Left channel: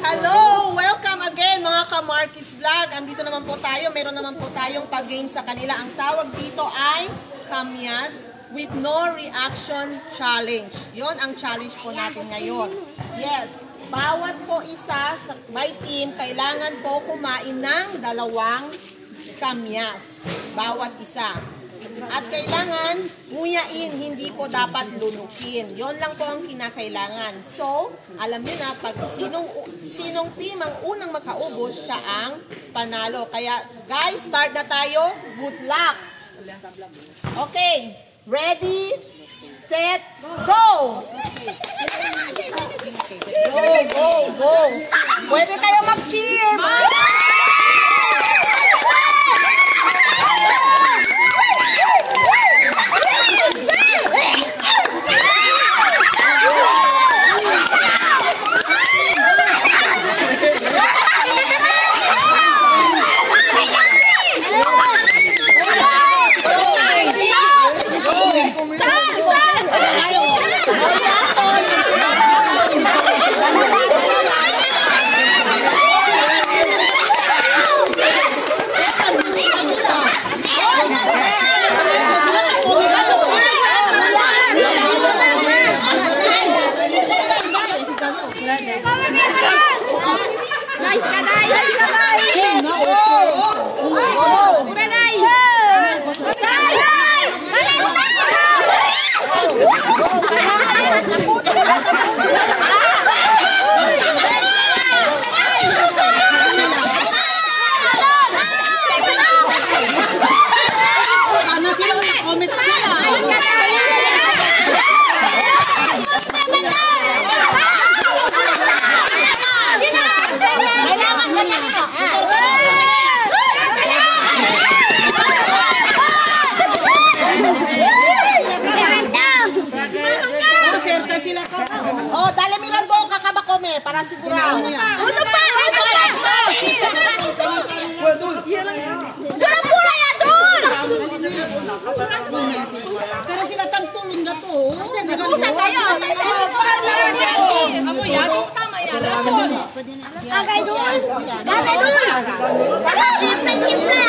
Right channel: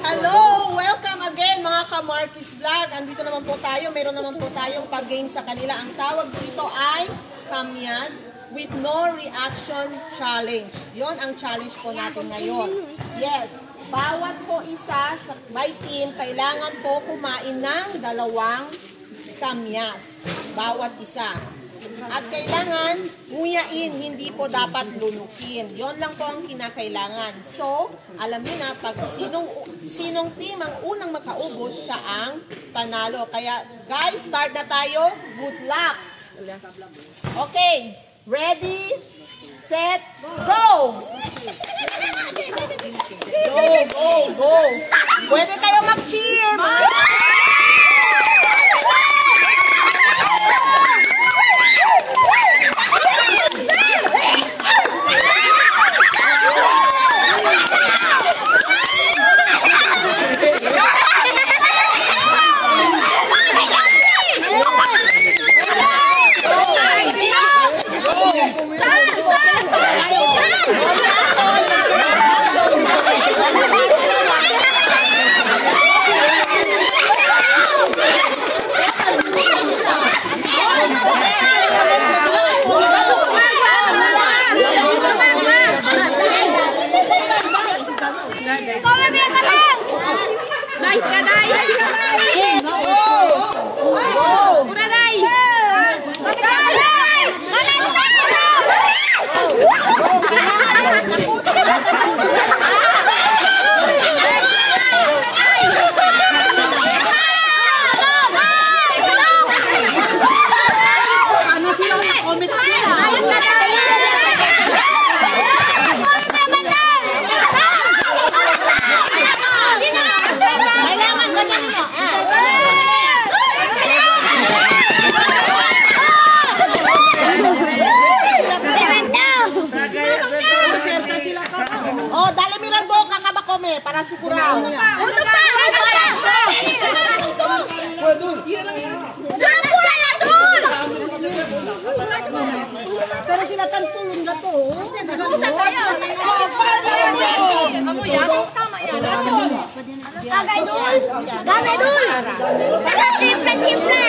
Hello! Welcome again mga ka-Marquis Vlog. Andito naman po tayo. Meron naman po tayong pag-game sa kanila. Ang tawag dito ay Kamyas with no reaction challenge. Yon ang challenge po natin ngayon. Yes. Bawat po isa by team, kailangan po kumain ng 2 kamyas. Bawat isa. At kailangan nguyain, hindi po dapat lunukin. Yon lang po ang kinakailangan. So, alam niyo na, pag sinong team ang unang makaubos, siya ang panalo. Kaya, guys, start na tayo. Good luck! Okay, ready, set, go! Go! Pwede kayo mag-cheer! Nice ka, nice! Para sigurado. Ano pa? Pero sila tagtulong na to. Nag-usa sa'yo. Gamay dul! Wala simpa-simpa!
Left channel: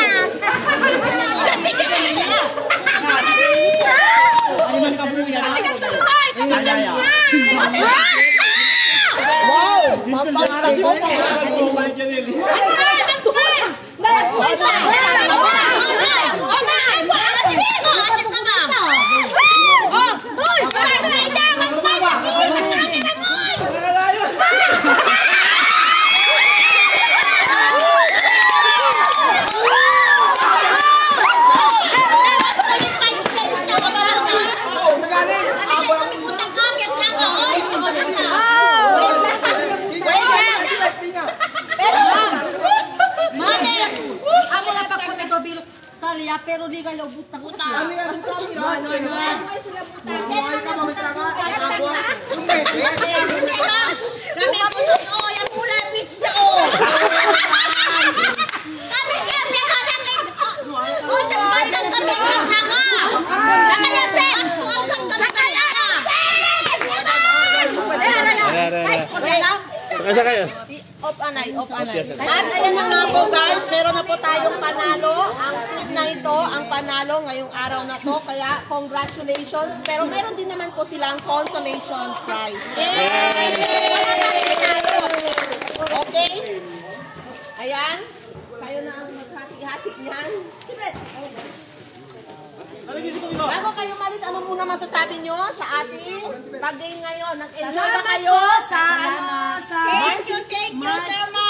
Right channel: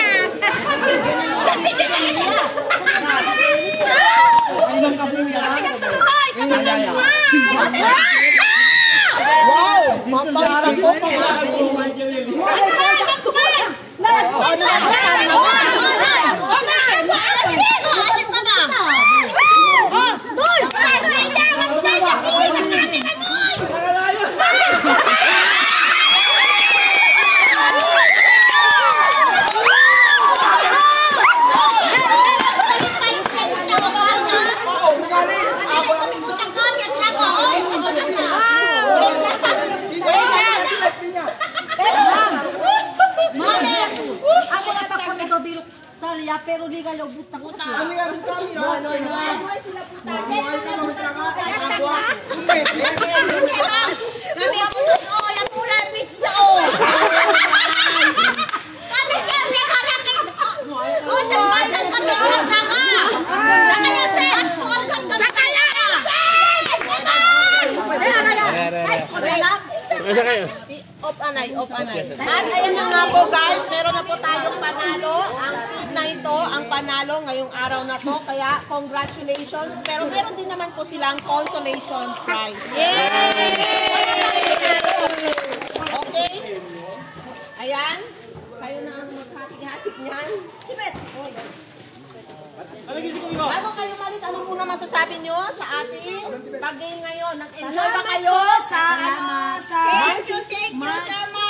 Wow! Mapagtag ko pa! Pero di ka lobot na kuta. Kami putos o yung ulan nito. Kami siyempre karakit. O nagpatang kami ng naga. Nakalasens. Ang gagawin Off anay. At ayan na nga po guys, meron na po tayong panalo. Ang team na ito, ang panalo ngayong araw na to. Kaya congratulations. Pero meron din naman po silang consolation prize. Yay! Okay? Ayan. Kayo na ang maghati-hati niyan. Bago kayo malis, ano muna masasabi nyo sa ating pag-game ngayon? Nag-enjoy ba kayo? Thank you so much.